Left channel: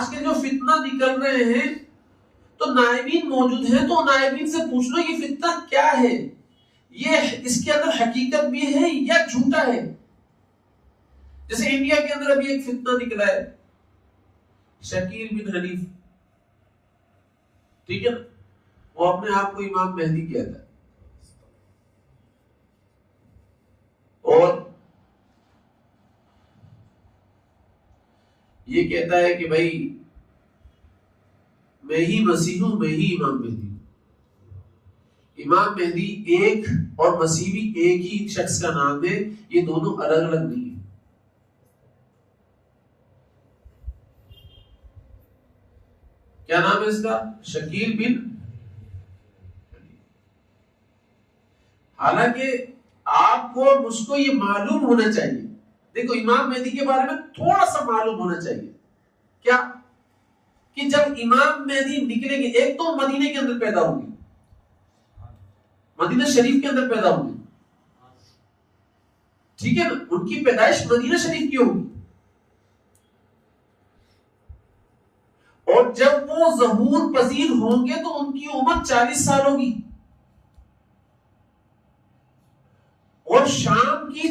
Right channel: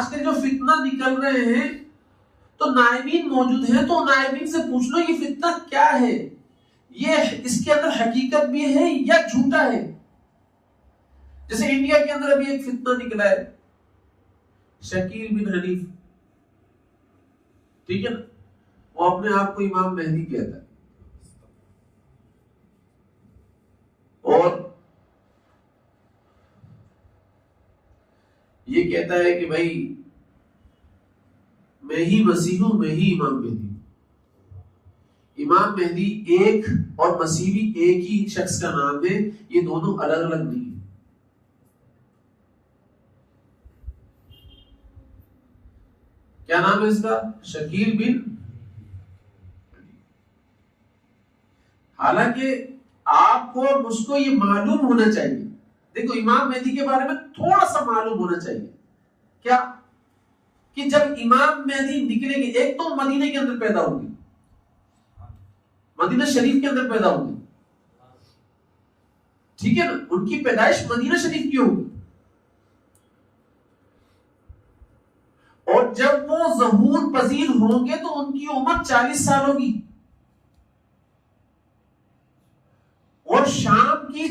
आज के जो फितना निकल रहे हैं तो नाइबीन मौजूद हैं, तो नाइबीन से पूछ लो ये फितना क्या है, ये इसके अंदर हकीकत भी है या झूठा है। जैसे इंडिया के अंदर अभी एक फितना निकला है शकील बिन हनीफ, ठीक है ना, वो अपने आप को इमाम मेहदी कहता है और ये कहता है कि भाई मैं ही मसीह हूं, मैं ही इमाम मेहदी हूं। इमाम मेहदी एक और मसीह भी एक ही शख्स का नाम है, ये दोनों अलग अलग नहीं है। क्या नाम है इसका? शकील बिन। हालांकि आपको और मुझको ये मालूम होना चाहिए, देखो इमाम मेहदी के बारे में थोड़ा सा मालूम होना चाहिए। क्या? कि जब इमाम मेहदी निकलेंगे, एक तो मदीने के अंदर पैदा होंगे, मदीना शरीफ के अंदर पैदा होंगे, ठीक है ना, उनकी पैदाइश मदीना शरीफ की होगी। और जब वो ज़हूर पजीर होंगे तो उनकी उम्र 40 साल होगी। और शाम की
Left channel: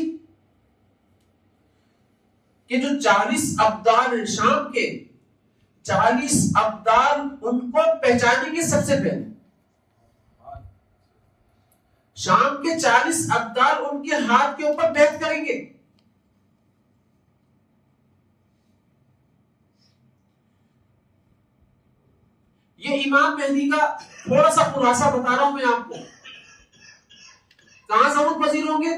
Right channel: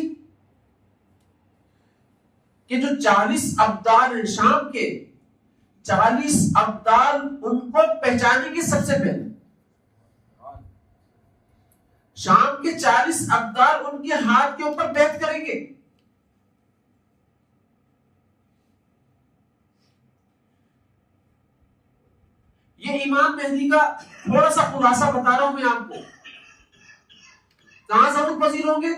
जो 40 अब्दाल हैं, शाम के 40 अब्दाल उनको पहचानेंगे सबसे पहले। शाम के 40 अब्दाल उनके हाथ के ऊपर बैठ करेंगे। ये इमाम मेहदी का थोड़ा सा खुलासा बता रहा हूं मैं आपको। कहां ज़हूर पजीर होंगे?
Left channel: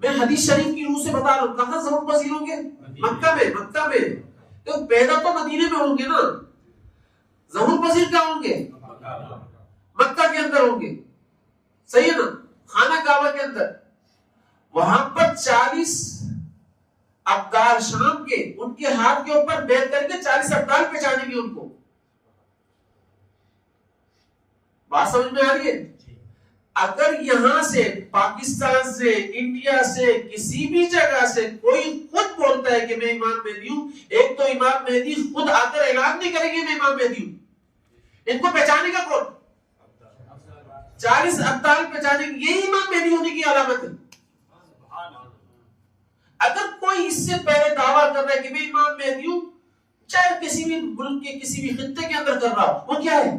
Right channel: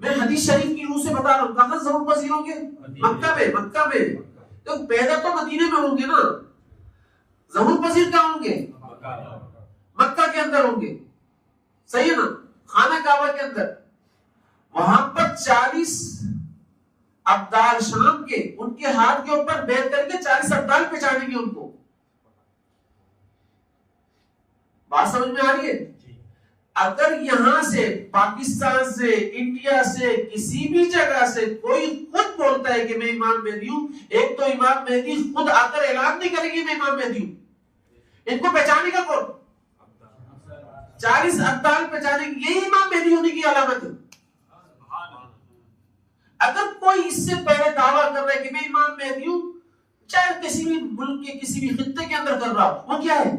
मैं हदीस शरीफ की रूह से बता रहा हूं। कहां ज़हूर पजीर होंगे? मक्का में। मक्का में तो पैदा तो मदीने में होंगे ना, ज़हूर पजीर कहां होंगे? मक्का के अंदर होंगे, सही है ना, खाना काबा के अंदर। वहां पर 40 अब्दाल शाम के उनके हाथ के ऊपर बैठ करके 40 अब्दाल पहचानेंगे उनको। बात समझ में आ रही है? अगर यहां से, पाकिस्तान से, इंडिया से, किसी भी जगह से कोई खुद बोलता है कि मैं इमाम मेहदी हूं, एक तो इमाम मेहदी खुद आकर ऐलान नहीं करेंगे मैं इमाम मेहदी हूं, इनको पहचानेगा कौन? 40 अब्दाल पहचानेंगे, यही इमाम मेहदी होने की अलामत है। अगर कोई इससे पहले दावा कर रहा है कि मैं इमाम मेहदी हूं, चाहे किसी भी मुल्क के किसी भी खित्ते के अंदर कर रहा हो, वो क्या है?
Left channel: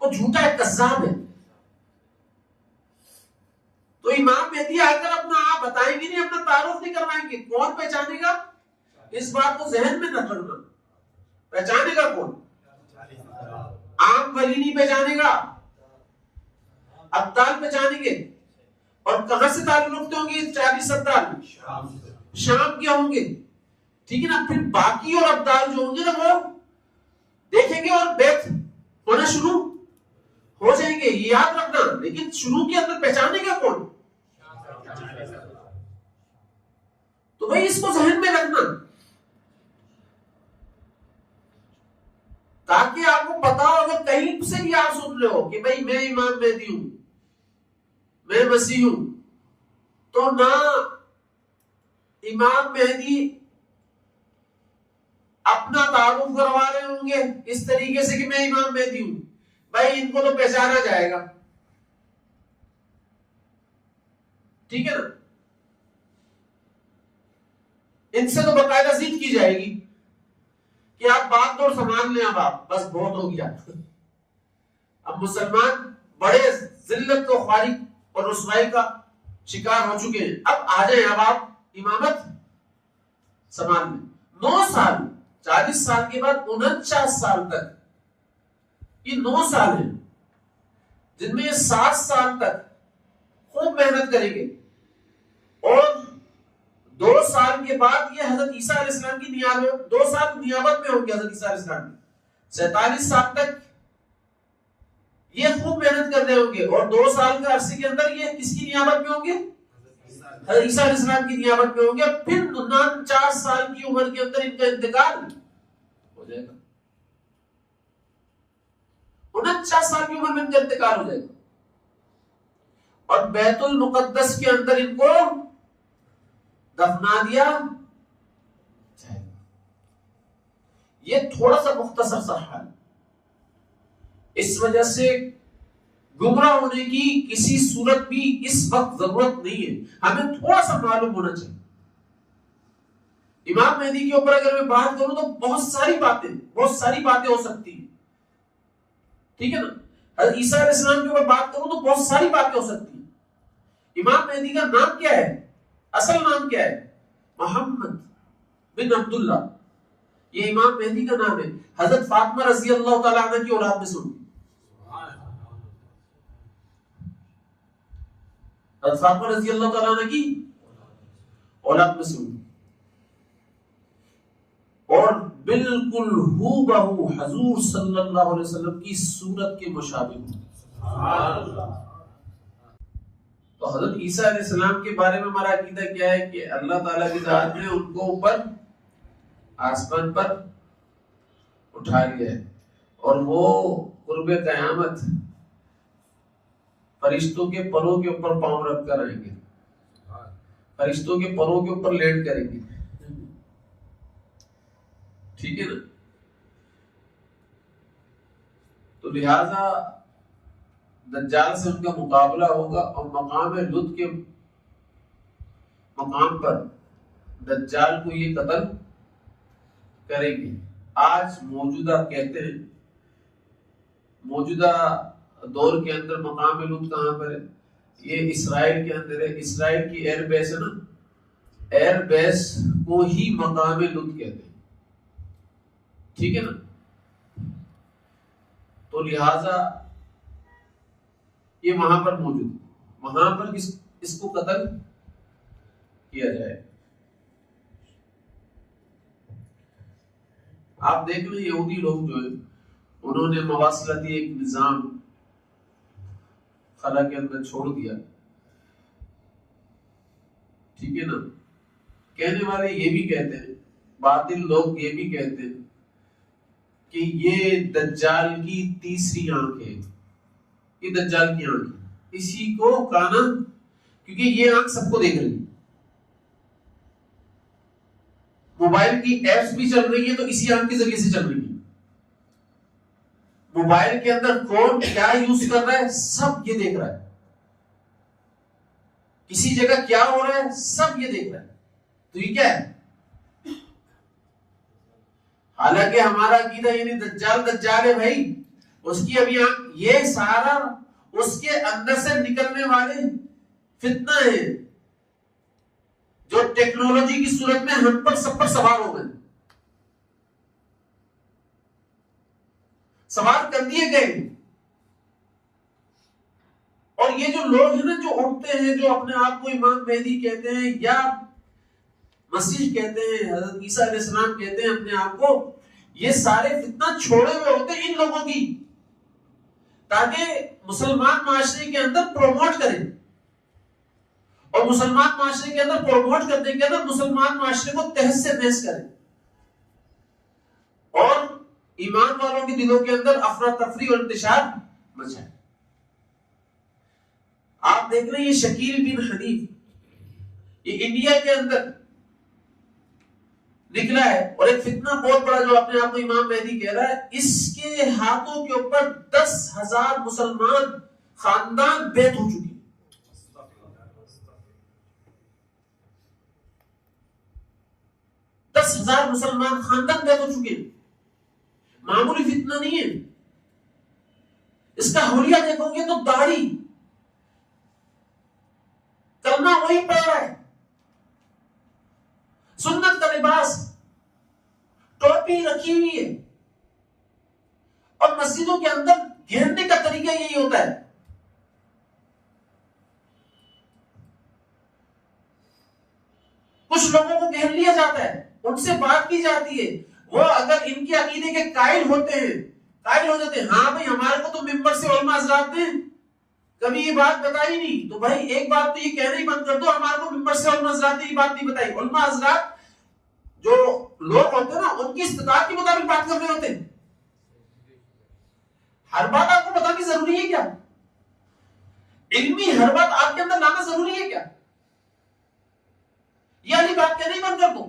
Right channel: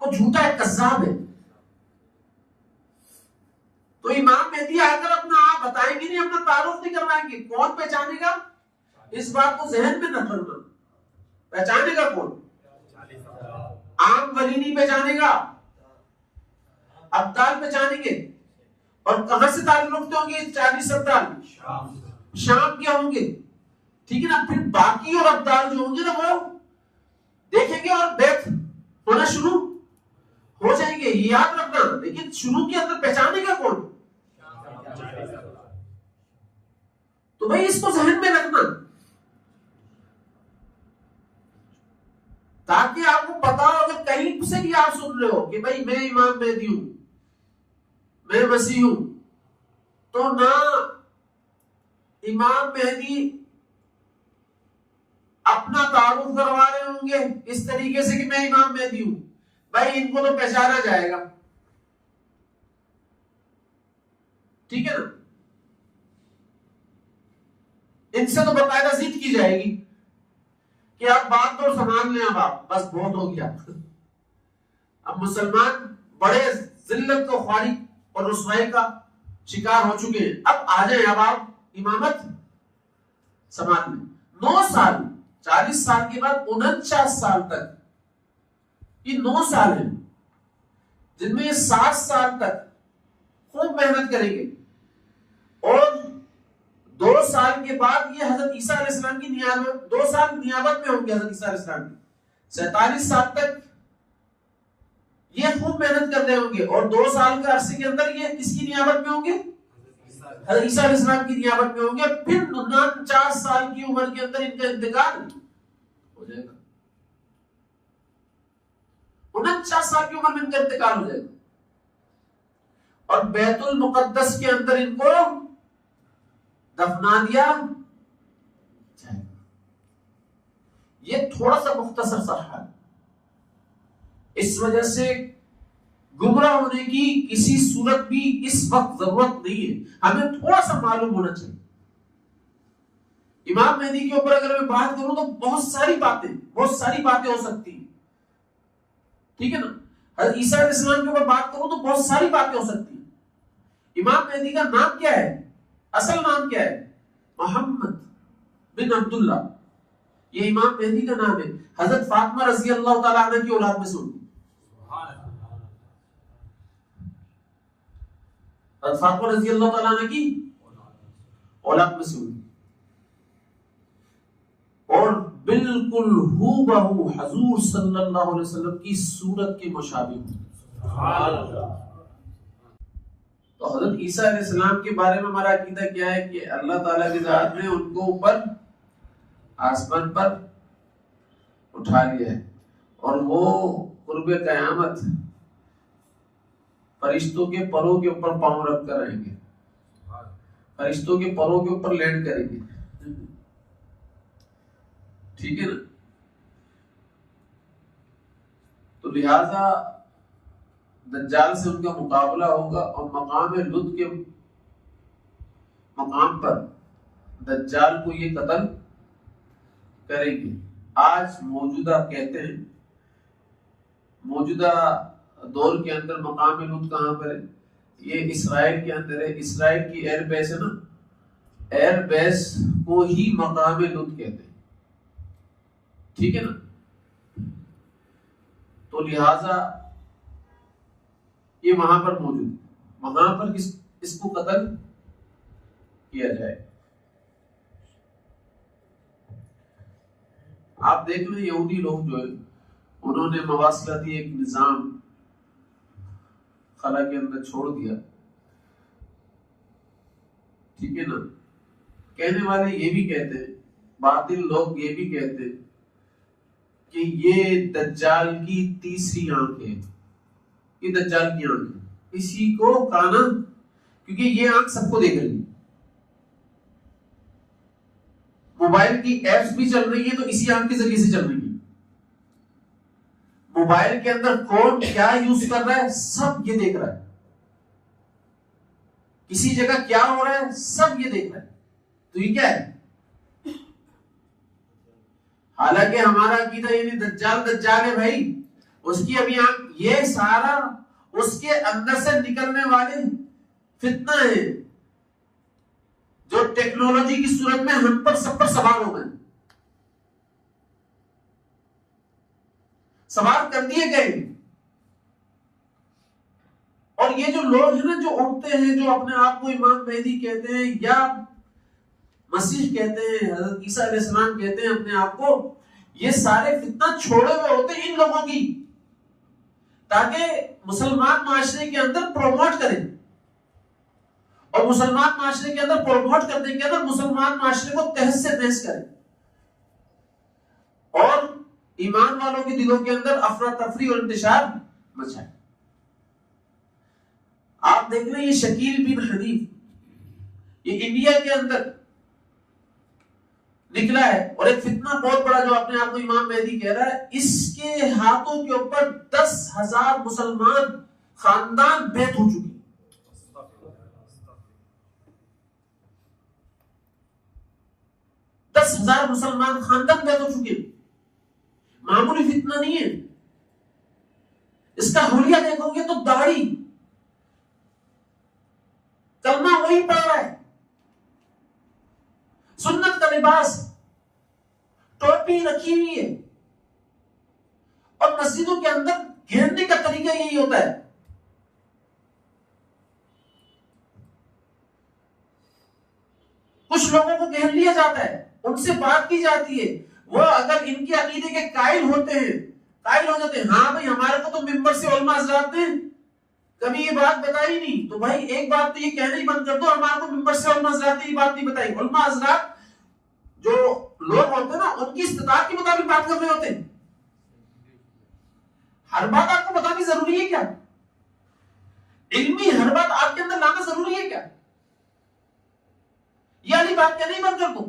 वो झूठा है, कज़्ज़ाब है। तो इमाम मेहदी आकर अपना आप बताएंगे नहीं, अपना तारुफ नहीं करवाएंगे, कौन पहचानेगा? इस बात को जहन में न रखना। पहचानेगा कौन? आम वली नहीं पहचानेगा, अब्दाल पहचानेंगे। और कहां से ताल्लुक रखते होंगे 40 अब्दाल? शाम के होंगे, ठीक है ना। फिर बाकी और अब्दाल जो होंगे ना, वो देखेंगे और बैत होना शुरू हो जाएंगे, ये याद रखना। लेकिन शुरू के अंदर पहचानेगा कौन? तो भाई इसको जहन में रखना, ताकि आपको पता हो, अगर कहीं से भी आप सुन रहे हो कि भाई मैं इमाम मेहदी हूं, मैं मसीह हूं, तो ना इमाम मेहदी अपना तारुफ करवा रहे होंगे इस तरीके से कि मैं इमाम मेहदी हूं, भाई इनको तो पहचाना जाएगा, ठीक है ना। इनसे तो बाकायदा जिद की जाएगी कि आप बात तो संभाल लें, अब आप बस बहुत हो गया। अब मुसलमान बड़े जिल्लत को ख्वारी और रुसवाई का शिकार हो चुके हैं, अब आ जाए, अब आप इमामत संभाल लें। 9 साल, 40 साल के बाद 49 साल तक, ये 9 साल है जिनमें ये 60 साल तक खूब मेहनत करेंगे। और 2 साल के बाद ये हजरत ईसा अलैहिस्सलाम की नियाबत, 2 साल नियाबत में होंगे हजरत ईसा अलैहिस्सलाम की। 47 साल तक ये खूब मेहनत कर रहे होंगे। और 2 साल के अरसे के अंदर ये किसकी नियाबत में होंगे? हजरत ईसा अलैहिस्सलाम की नियाबत में होंगे। फिर 49 साल की उम्र के अंदर इनका इंतकाल हो जाएगा। 49 साल की उम्र में इनका इंतकाल हो जाएगा। और बैतुल मुकद्दस के अंदर इनको दफना दिया जाएगा। ये थोड़ा सा मुख्तसर सा हाल। इस वजह से गुमराह होने की किसी सूरत भी इस वक्त जरूरत नहीं है, हमें थोड़ा सा मालूम होना चाहिए। इमाम मेहदी के ऊपर अगर मैं बात करूं तो बहुत सारी बातें हो सकती हैं, ठीक है ना। हज़रत ईसा अलैहिस्सलाम के ऊपर बात करूं तो बहुत सारी बातें हो सकती हैं। इमाम मेहदी का नाम क्या है, असल नाम क्या है? मोहम्मद बिन अब्दुल्ला, ये इमाम मेहदी का नाम है। हजरत फातिमा रजी अल्लाह तआला अन्हा की औलाद में सुन, हजरत फातिमा रजी अल्लाह तआला अन्हा की औलाद में सुन, और बिल्कुल हूबहू हुजूर सल्लल्लाहु अलैहि वसल्लम की सूरत के मुशाबिह। तो हजरत ईसा अलैहिस्सलाम के बारे में हमारा अकीदा क्या है कि अल्लाह ताला की जात ने उनको ऊपर आसमान पर उठा लिया है, और वो कुर्बे क़यामत फरिश्तों के परों के ऊपर पांव रख कर आएंगे, फरिश्तों के परों के ऊपर लैंड करेंगे, ठीक है ना। तो लिहाजा दज्जाल से उनका मुकाबला होगा, और मकाम लुत के मकाम पर दज्जाल को ये कत्ल करेंगे। आज मौजूदा कहते हैं, मौजूदा दौर के अंदर मकाम लुत कहां पर है? ये इसराइल के अंदर है। इसराइल की एयर बेस है ना, एयर बेस को ही मकाम लुत कहते हैं, ठीक है ना। तो लिहाजा ये वहां पर मौजूद, वहां पर इसको कत्ल किया जाए। आप देख लो यहूदी लोग जो है, उन्होंने मवासलाती एक निजाम खला के अंदर छोड़ दिया, ठीक है ना। कहने वाले ये भी कहते हैं, बातिल लोग ये भी कहते हैं कि ये दज्जाल की तीसरी आंख है, ये दज्जाल की आंख है, इसी को काना, क्योंकि ये आंख सबको देख रही है, मोबाइल की एप्स भी चल रही है तो इसी आंख के जरिए से चल रही है। मोबाइल के अंदर कौन क्या यूज कर रहा है सब ये देख रहा है, किसी जगह क्या हो रहा है सब ये देख रहा है। तो ये क्या है? हालांकि हमारा अकीदा ये नहीं दज्जाल है भाई, उसकी अभी आंख, ये सारा उसके अंदर से निकलने वाले फितना है जो टेक्नोलॉजी की सूरत में हम पर सब पर सवार हो गए, सवार कर दिए गए। और ये जो लोग हैं ना, जो उठते हैं, जो अपने आप को इमाम मेहदी कहते हैं या मसीह कहते हैं, हजरत ईसा अलैहिस्सलाम कहते हैं अपने आप को, ये सारे फितना छोड़े हुए होते हैं इन लोगों की, ताकि मुसलमान माशरे के अंदर प्रोमोट करें, और मुसलमान माशरे के अंदर प्रोमोट करने के अंदर मुसलमान माशरे को तहस से तहस करें, और ईमान वालों के दिलों के अंदर अफरा तफरी और इंतशार मचाए। आप देख रहे हैं ये शकील बिन हनीफ, ये इंडिया के अंदर निकला है, और एक फितना बहुत बड़ा जो अपने आप को इमाम मेहदी कह रहा है, इसके हाथों के ऊपर 10,000 मुसलमान खानदान बैत हो चुके, 10,000 मुसलमान खानदान बैत हो चुके। मामूली फितना नहीं है। इसका हुलिया देखोगे तो दाढ़ी, कलमा वही पड़ रहा है, सुन्नत का लिबास, टोपी रखी हुई है, और मस्जिदों के अंदर घेरने का तरीका यही होता है। कुछ लोगों को घेर लिया जाता है, उनसे बात की जाती है, वो अगर इनके अकीदे के कायल होते हैं, कायल हो जाते हैं, हाँ भाई हमारे को तो मिंबर से उलमा हज़रात ने कभी ये बात बताई नहीं, तो भाई एक बात तो ये कहना ही बंद कर दो, हमारे को मिंबर से उलमा हज़रात ने ये बात नहीं बताई। उलमा हज़रात जो लोग होते हैं ना, उनकी इस्तिताअत के मुताबिक बात कर रहे होते हैं। हर बात आपको बतानी जरूरी है क्या? इल्मी हर बात आपके अंदर लाना जरूरी है क्या? ये वाली बात कहना ही बंद कर दो,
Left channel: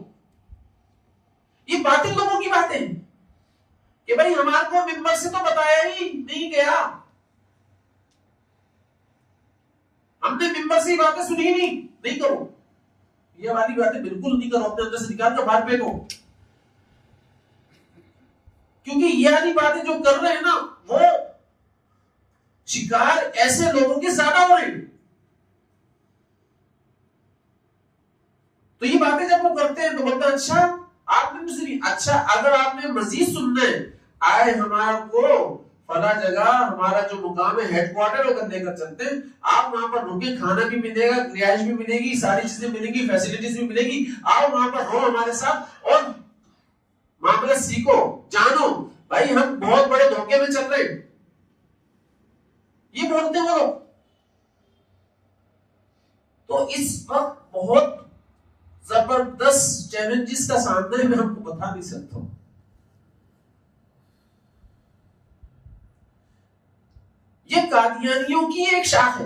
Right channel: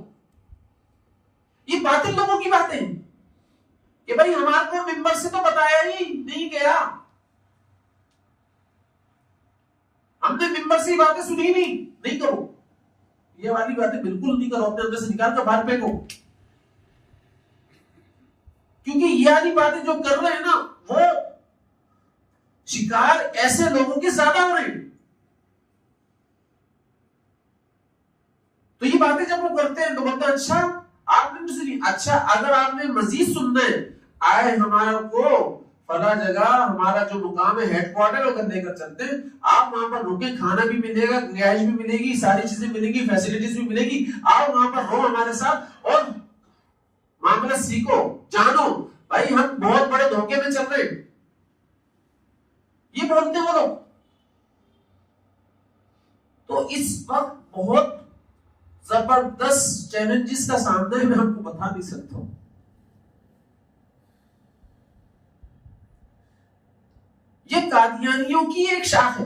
ये बातिल लोगों की बातें हैं। कि भाई हमारे को मिंबर से तो बताया ही नहीं गया, हमने मिंबर से ही बातें सुनी नहीं करो, ये वाली बातें बिल्कुल नहीं करो, अपने अंदर से निकाल कर बाहर फेंको। क्योंकि ये वाली बातें जो कर रहे हैं ना, वो शिकार ऐसे लोगों के ज्यादा हो रहे हैं। तो ये बातें जब वो करते हैं तो बोलते हैं अच्छा आपने मुझसे नहीं, अच्छा अगर आपने मजीद सुनना है, आए हमारा को फला जगह हमारा जो मुकाम है हेडक्वार्टर होकर लेकर चलते हैं, आप वहां पर रुके, खाना भी मिलेगा, रिहाइश भी मिलेगी, सारी चीजें मिलेंगी, फैसिलिटीज भी मिलेगी, आओ वहां पर रहो हमारे साथ और मामला सीखो, जानो भाई हम बहुत बड़े धोखे में चल रहे हैं, ये बोलते हो लोग। तो इस वक्त बहुत जबरदस्त चैलेंजेस का सामना है, मैं हमको बता नहीं सकता हूं। ये कादियानियों की एक शाख है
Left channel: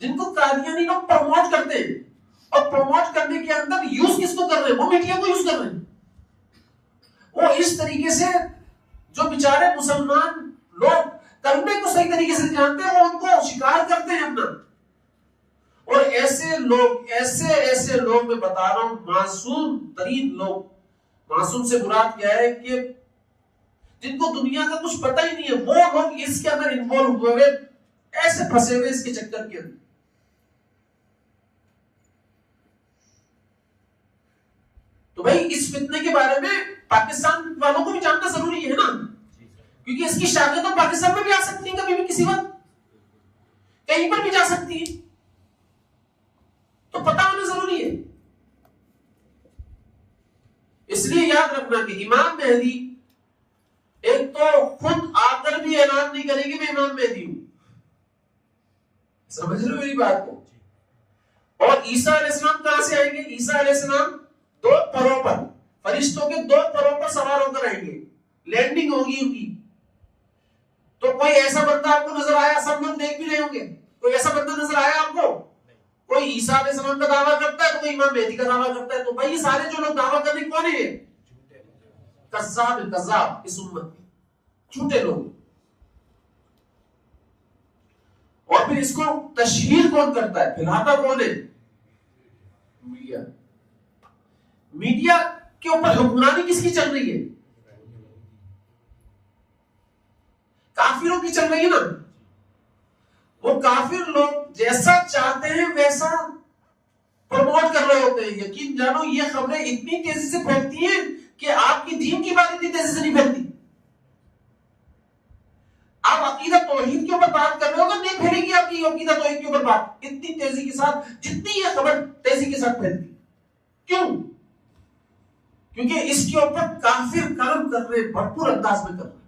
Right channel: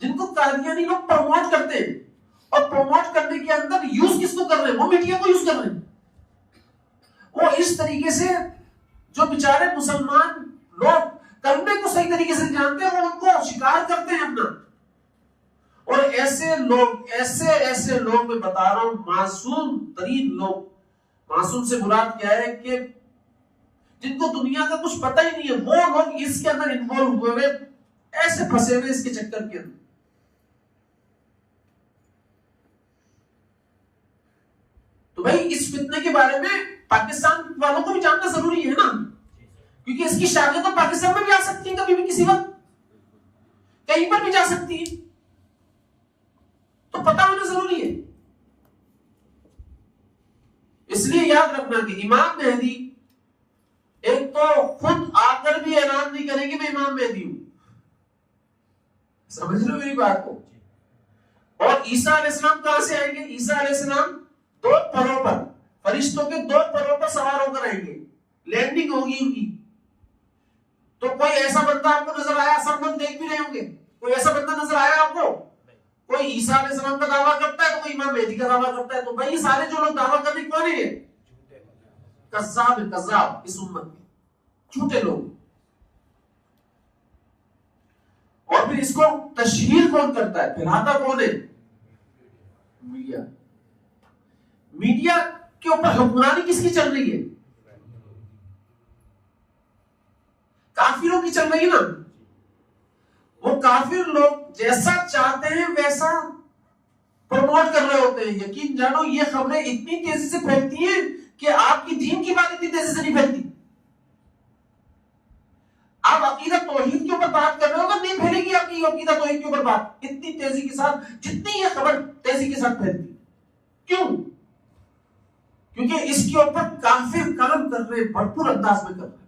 जिनको कादियानी लोग प्रमोट करते हैं, और प्रमोट करने के अंदर यूज किसको कर रहे हैं, वो मीडिया को यूज कर रहे हैं। वो इस तरीके से जो बेचारे मुसलमान लोग कलमे को सही तरीके से जानते हैं, वो उनको शिकार करते हैं अपना। और ऐसे लोग मैं बता रहा हूं, मासूम तरीन लोग, मासूम से मुराद क्या है कि जिनको दुनिया का कुछ पता ही नहीं है, वो लोग इसके अंदर इन्वॉल्व हुए, ऐसे फंसे हुए इसके चक्कर के अंदर। तो भाई इस फितने के बारे में पाकिस्तान वालों को भी जानना जरूरी है ना, क्योंकि इसकी शाखें तो पाकिस्तान में भी आ सकती हैं, कभी भी किसी वक्त कहीं पर भी जा सकती है, तो पता होना जरूरी है। इसलिए याद रखना कि इमाम मेहदी एक तो खुद आकर भी ऐलान नहीं करेंगे मैं इमाम मेहदी हूं, समझ रहे हो मेरी बात को। और ईसा अलैहिस्सलाम कहां से आएंगे, ईसा अलैहिस्सलाम 2 परों पर, फरिश्तों के 2 परों पर सवार होकर आएंगे, लैंडिंग होगी उनकी। तो कोई ऐसा बंदा आपको नजर आया, सब लोग देख भी रहे होंगे, कोई ऐसा बंदा नजर आया आपको, कोई ईसा अलैहिस्सलाम का दावा करता है तो कोई इमाम मेहदी का दावा करता है। तो भाई ये सारे जो लोग दावा करने कौन है, कज़्ज़ाब इस उम्मत के झूठे लोग। और फिर इसको तशहीर कौन करता है, फैलाता कौन है, मीडिया। मीडिया के ऊपर हुक्मरानी किसकी चल रही है, काफिरों की चल रही है ना। वो काफिर लोग जैसा चाहते हैं वैसा प्रमोट कर रहे होते हैं। यकीन जानो ये खबरें इतनी तेजी से फैलती हैं कि आपकी दीन की बात इतनी तेजी से नहीं फैलती। आप अकीदा तौहीद के ऊपर बात कर रहे हो, नहीं फैलेगी आपकी अकीदा तौहीद के ऊपर बात इतनी तेजी के साथ जितनी ये खबर तेजी के साथ फैलती। क्यों? क्योंकि इसके ऊपर काफिर काम कर रहे, भरपूर अंदाज में कर रहे।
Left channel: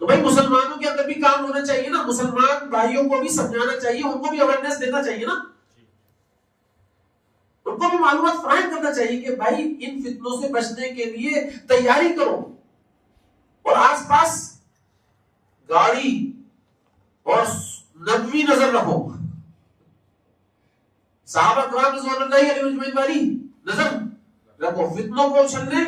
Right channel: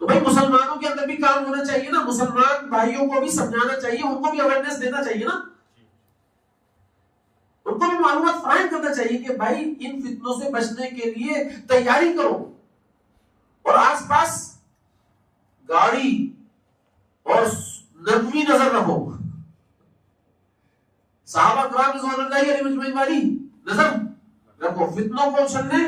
तो भाई मुसलमानों के अंदर भी काम होना चाहिए ना, मुसलमान भाइयों को भी समझाना चाहिए, उनको भी अवेयरनेस देना चाहिए ना, उनको भी मालूमात फराहम करना चाहिए कि भाई इन फितनों से बचने के लिए तैयारी करो और आसपास गाड़ी और नबवी नजर रखो, सहाबा किराम रिज़वानुल्लाहि अलैहिम वाली नजर रखो, फितनों को उछलने